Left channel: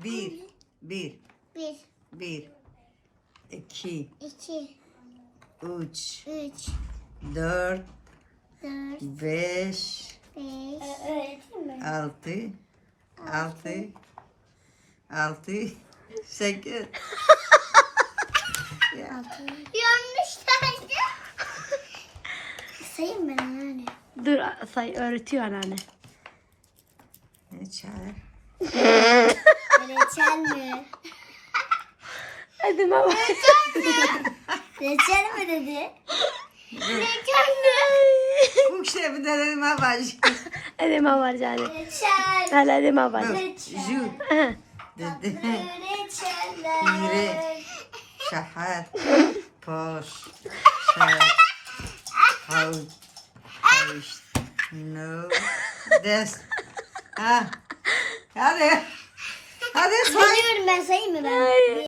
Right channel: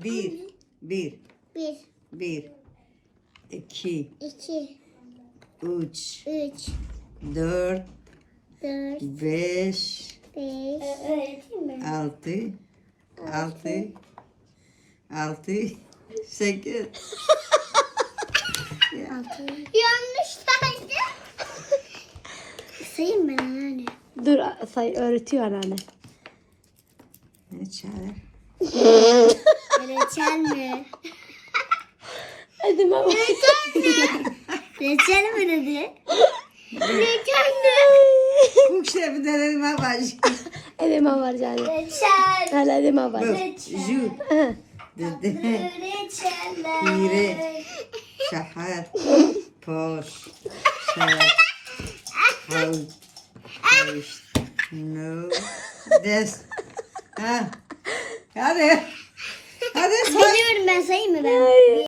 Bir. Bir. Bir. Bir. İki. İki. Üç. Üç. Dört. Dört. Beş. Beş. Öğreteyim mi? Altı. Altı. Altı. Sekiz. Altı. Yanlış saydı. Sayayım ben anneanne. Dur say öğretiyor anneanne. Ne çare? Reçel mi? Hadi baba. Reçel mi dedi? Reçel mi? Bu şey bir denedim ama. Hadi baba canım. Reçel. Hadi baba. Ju. Dedi. Reçeller. Hire. Şahar. Poş. Şer. Hav. Haviş. No. Des. Ha. Hadi.